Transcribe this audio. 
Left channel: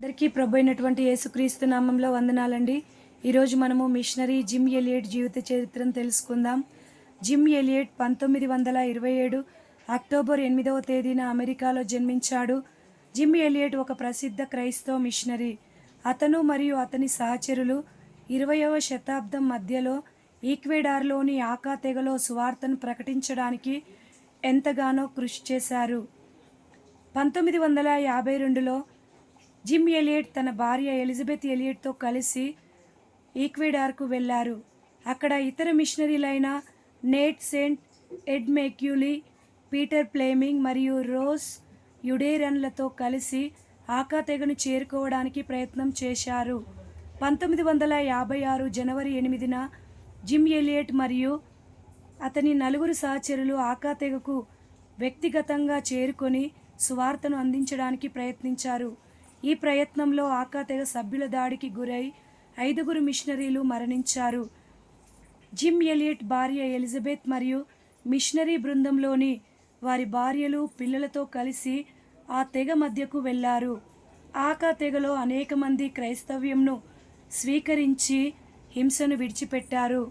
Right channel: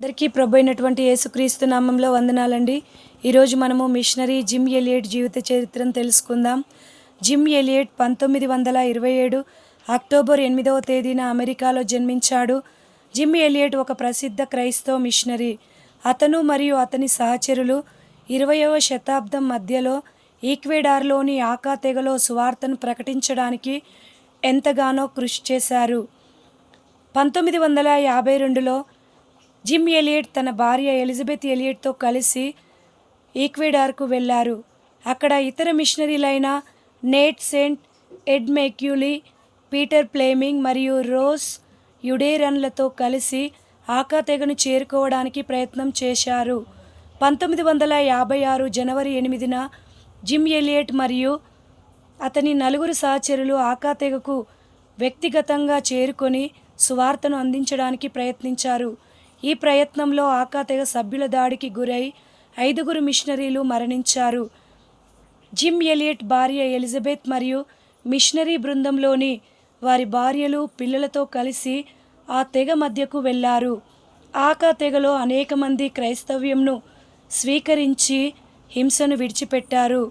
అందరికీ ప్రభు అయినటువంటి యేసుక్రీస్తు నామంలో వందనాలండి. ఈరోజు మనము మిషనరీ జిమ్ ఎలియట్ జీవిత చరిత్రను తెలుసుకుందాం. జిమ్ ఎలియట్ 1927 అక్టోబర్ 8వ తేదీన అమెరికాలో జన్మించాడు. జిమ్ ఎలియట్ ఒక ప్రసిద్ధ క్రైస్తవ మిషనరీ. అతను మరియు అతని సహచరులు 20వ శతాబ్దం మధ్యలో ఈక్వెడార్లోని ఆకా తెగలో సువార్తను ప్రకటించడానికి ఎంతగానో కృషి చేశారు. 1952లో జిమ్ ఎలియట్ తన భార్య ఎలిజబెత్ ఎలియట్తో కలిసి ఈక్వెడార్కు వెళ్ళారు. అక్కడ ఇతర మిషనరీలైన నేట్ సెంట్, ఎడ్ మెక్యూలీ, పీటర్ ఫ్లెమింగ్ మరియు రోస్ యుడేరన్లతో కలిసి ఆకా తెగను చేరుకోవడానికి ప్రయత్నం చేశారు. 1956 జనవరి 8న జిమ్ ఎలియట్ మరియు అతని నలుగురు సహచరులు ఆకా తెగకు వ్యక్తిగతంగా చేరుకొని సువార్తను అందించడానికి ప్రయత్నించారు. ఈ ప్రయత్నంలో ఆకా తెగ సభ్యుల దాడికి గురై 5 మిషనరీలు మరణించారు. జిమ్ ఎలియట్ భార్య ఎలిజబెత్ మరియు మిషనరీ బృందంలోని వారి భార్యలు, పిల్లలతో కలిసి ఆ తెగ మధ్యకు వెళ్ళారు. ఆకా తెగలో అనేక మంది క్రైస్తవ్యంను స్వీకరించి హింసను విడిచిపెట్టారు.